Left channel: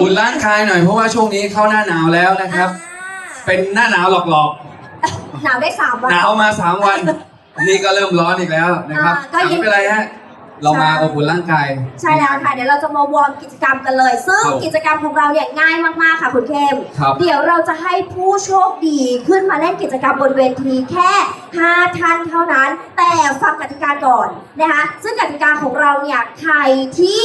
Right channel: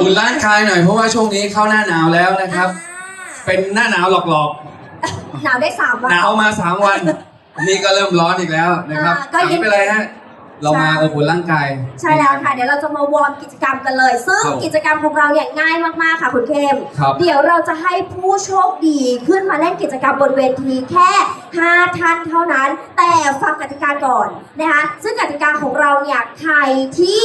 อุ่นร่างกายหน่อยเพราะว่าช่วงนี้เข้าหน้าหนาวแล้วนะครับ เป็นหน้าหนาวหลอกหนาวได้สามวัๆ น หนาวมาสามวัน นี่ก็เริ่มร้อนอีกแล้วนะครับอ่าก็ยัง ไม่เป็นไรฮะเรามาอบอุ่นร่างกาย ใช่แล้วค่ะ เดี๋ยวเราจะมาวอร์มกิจกรรมกันเลย ซึ่งครับกิจกรรมของเราเนี่ยง่ายมากๆค่ะคุณเข้มครับ เดี๋ยวเราจะให้ผู้โชคดีขึ้นมาเล่นกิจกรรมบนเวทีแค่ 5 ท่านเท่านั้น แต่ฟังกติกาก่อนนะคะ ซึ่งกติกาของ เราเนี่ยใครที่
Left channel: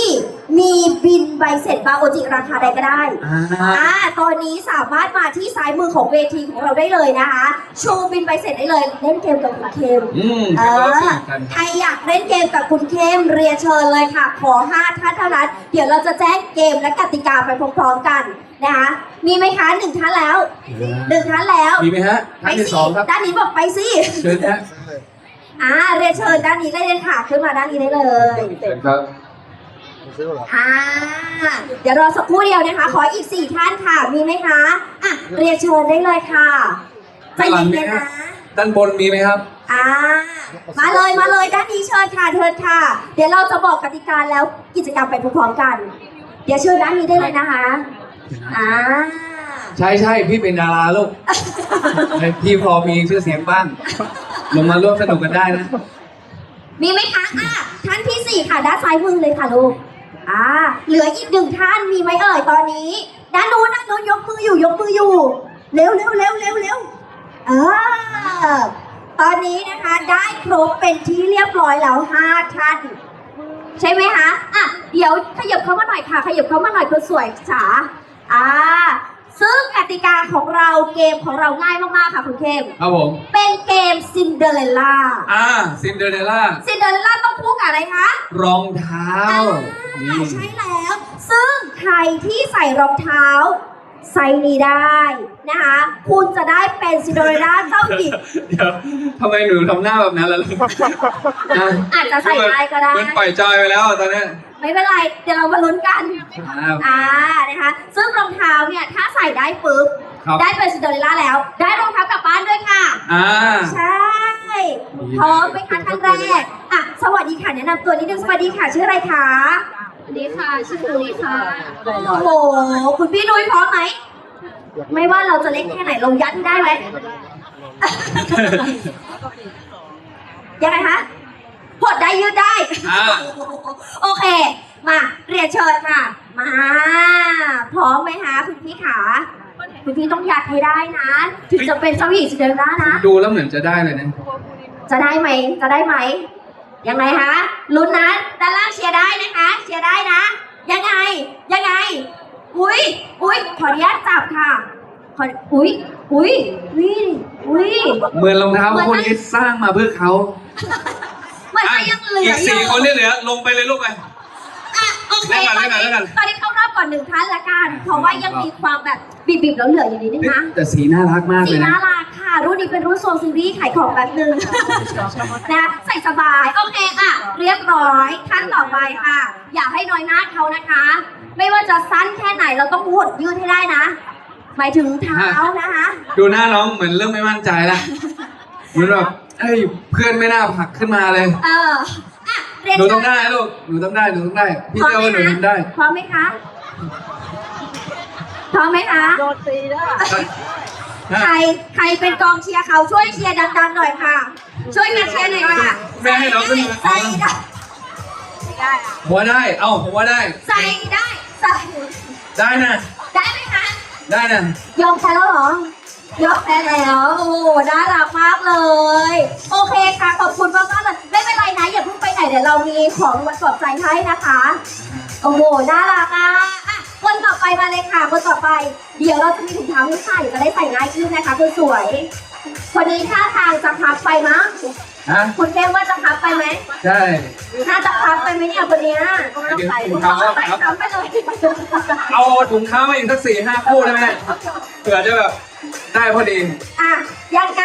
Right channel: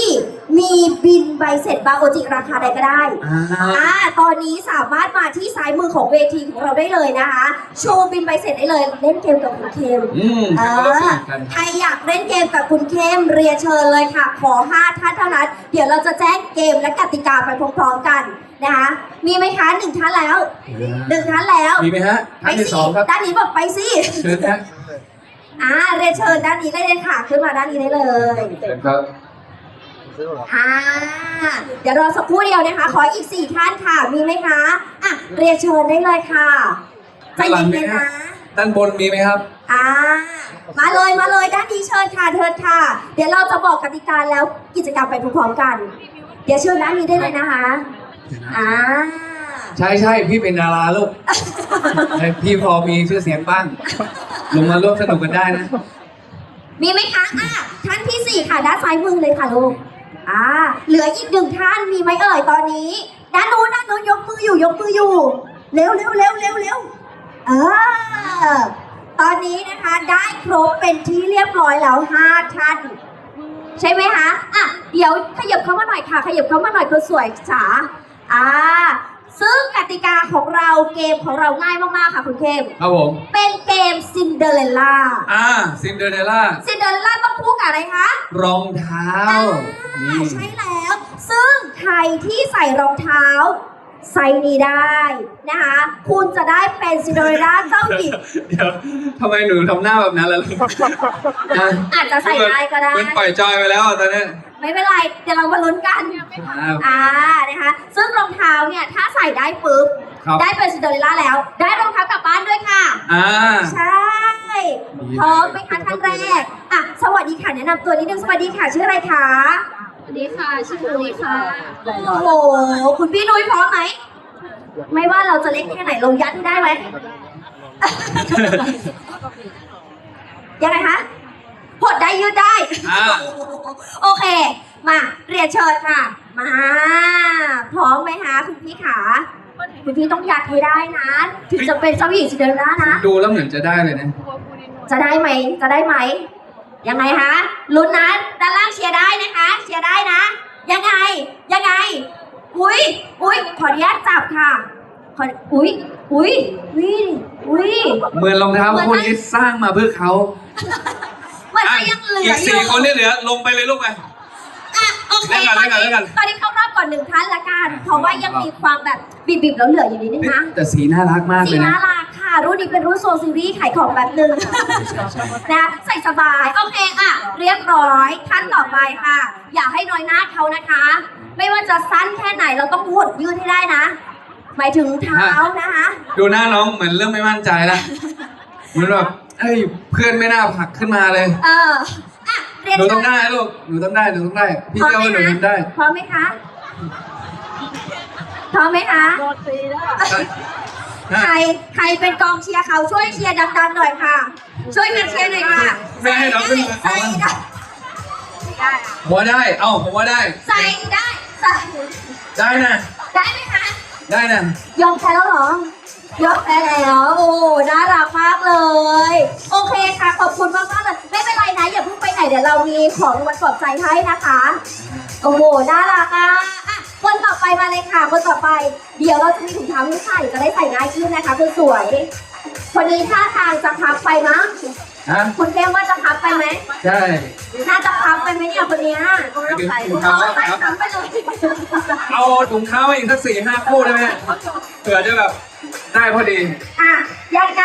มีบินใบเสร็จบาโอจิราคาใดก็ได้ อ่าอ่าตอนนี้สามารถมาที่ซ้ายมือของเวทีของเราได้เลยนะคะ โชว์บินใบเสร็จได้เลย เล่นเกมกับคุณเคม อืมเอเราอสนุกกัน ใครอยากเล่นเกมกับคุณเข้มเรียนเชิญเลยค่ะ ขอ 5 ท่านเท่านั้น เดี๋ยวเราจะแจ้งเกมและกติกาไปพร้อมๆกันนะคะ มีไหมคะหนึ่งท่านแล้วหนึ่งท่านแล้ว มีไหมฮะไปท่านที่สิสองครับ ด้านนี้บอกไปสิ เชิญฮะ อ่าเรียนเชิญด้านนี้ก็ได้ค่ะขึ้นมาด้านนี้ได้เลยเชิญครับอ่าเดี๋ยวรอสักครู่เดียวนะคะ ขออีกสี่ท่านค่ะ มีไหมคะอะเรียนเชิญได้เลยค่ะใจด้านหลังเย็มีนไหมๆฮะนะด้านบนมีไหมครับอ่ามาเลยมาเลยด้านนี้เชิญค่ะเชิญค่ะ เดี๋ยวเราจะบอกกติกาแล้วกิจกรรมไปพร้อมๆกัน เดี๋ยวเชิญด้านนี้ได้เลยนะคะอ่าใช่ใช่พี่เป็นดาราลูกให้พี่พอมีชื่อเสียงบ้าง ลงมาร่วมสนุกกันได้นะ มีไหมคะอะท่านที่สี่ค่ะ ด้านซ้ายมือเลยค่ะลูก อ่า เหลืออีกหนึ่งท่าน มีไหมเอ่ยตอนนี้ ด้านนู้นด้านนู้นยกมืออยู่ ยกมืออยู่ เร็วเร็วเร็วเร็วเร็วเออ ตอนนี้นะคะได้ครบเป็นที่เรียบร้อยแล้วห้าท่าน ใช่ไหมคะ อะ เดี๋ยวขยับเข้ามาหน่อยค่ะ ขยับเข้ามาหน่อยคนสวยจ๋าอ่า ซึ่งกติกาของเราเกมของเราง่ายมากๆค่ะคุณเข้มครับผมเป็นเกมซินเดอเรลล่าอ่าซินเดอเรลล่าซินเดอเรลล่าต้องคู่กับอะไรคะรองเท้าอ่าใช่แล้ว ซึ่งใครที่ใส่รองเท้า ไซส์นี้ได้นะคะ คุณจะได้เป็นซินเดอเรลล่าเจ้าหญิง เดี๋ยวทำไมหนูทำหน้าแบบนั้นล่ะลูกนะอาจจะใส่ได้ก็ได้เหมือนปล่อยจอยไปแล้วตอนนี้ไม่เป็นไร เดี๋ยวเรามาลุ้นกันอ่าอ่า นะคะ ซึ่งรองเท้าเนี่ย ถ้าใส่ได้ปุ๊บ ครับได้เป็นซินเดอเรลล่าแล้ว ได้รองเท้ากลับบ้านด้วยค่ะ อ่า ใช่พร้อมไหมคะท่านแรก อะ สวัสดีค่ะ แนะนำตัวนิดนึง สวัสดีค่ะ ชื่ออะไรคะ สวัสดีค่ะชื่อลุยค่ะ โอ้โห คุณพี่นุ้ยพร้อมไหม ไม่ว่าเราจะเล็กแค่ไหนลงยัดได้ไหม ยังไงคะหดได้ยืดได้ อ่า โอเค มาเรียนเชิญค่ะ มา พร้อมไหมคะคุณพี่ขา คุณพี่ต้องยัดให้ได้นะ ถึงจะเป็นเจ้าหญิงซินเดอเรลล่านะ ดูแล้วเหมือนจะได้เลยนะ จะได้ไหม จะได้ไหม ยังไงคะลุ้นนะด้านล่างเชียร์ได้นะคะ เชียร์ได้นะ ยังไง ยังไง อุ้ยอุ้ยขออนุญาตจับค่ะขออุ้ยอุ้ยอุ้ยอุ้ยเหมือนรองเท้าคู่นี้สร้างมาเพื่อเขามันก็ยังเหลืออีอกสี่ยู่คนที่เหลือลงไปเลยลูกไปอะโอเคเล่ตอนนกันนี้เล่นกันตอนนี้เข้ารอบก่อนหนึ่งท่านละกัน เพราะว่ายังมีความแบบบีบๆแล้วเหลืออยู่นิดนึงนะแต่สีน่ารักมากสีเลยนะน่า รักค่ะรุ่นนี้เป็นรุ่นโซซีรีส์ขายของแบบหนึ่งนะใส่สบาย โอเคอะ เรียบร้อยท่านต่อไปค่ะ อย่าให้น้อยหน้าเขานะคะ ไม่ว่าจะสั้นแค่ไหนเราต้องหดยืดให้ได้นะ หมายถึงเท้านะคะ ดูหน้าน้องเหมือนเริ่มไม่มั่นใจแล้วเหมือนแบบเอ้ยเพื่อนไม่น่าผลักขึ้นมาเลย เอออะเรียนหนูเชิต้องญได้ลูกหนูต้องได้หนูต้องได้ พี่เชื่อว่าหนูทำได้ พร้อมไหมคะ พร้อมไหมคะ ใครใครเป็นกองเชียร์เขาช่วยเชียร์ดังๆหน่อยค่ะ ช่วยกันเชียร์หน่อยค่ะแม่ให้เราขึ้นมา ใส่ได้ผมว่าได้ เอ้าผมว่าได้ ใส่ได้ใส่ได้นะ ได้ไหมคะ ได้นะ ยอมแพ้แล้วเหรอยอมแพ้แล้ว โอ้น่ารักมากเลย โอเคค่ะขอบคุณมากมากๆเลยไม่เป็นไรนะอย่าเพิ่งไปไหนเดี๋ยวเรามีของรางวัลปลอบใจให้นะคะ โอ้โหน่ารักอะอะ คนต่อไปมาเลยค่ะ คนต่อไป เดี๋ยวเราจะมีถุงเท้าให้ใส่จะได้ใส่ง่ายขึ้นนะคะคนสวย คนนี้ท่าทางจะพับไปนะฮะคุณแก้มว่าจะพับไปไหมใช่ น่าจะพับไปไหมเนี่ยคนเนี้ยไปถึงถุงเท้าแล้วใส่ครับพับไปเลยเอาถุงเท้ามาอีกสักสี่ห้าคู่ได้ไหมเนี่ยเผื่อจะแบบได้พอดี อะยังไง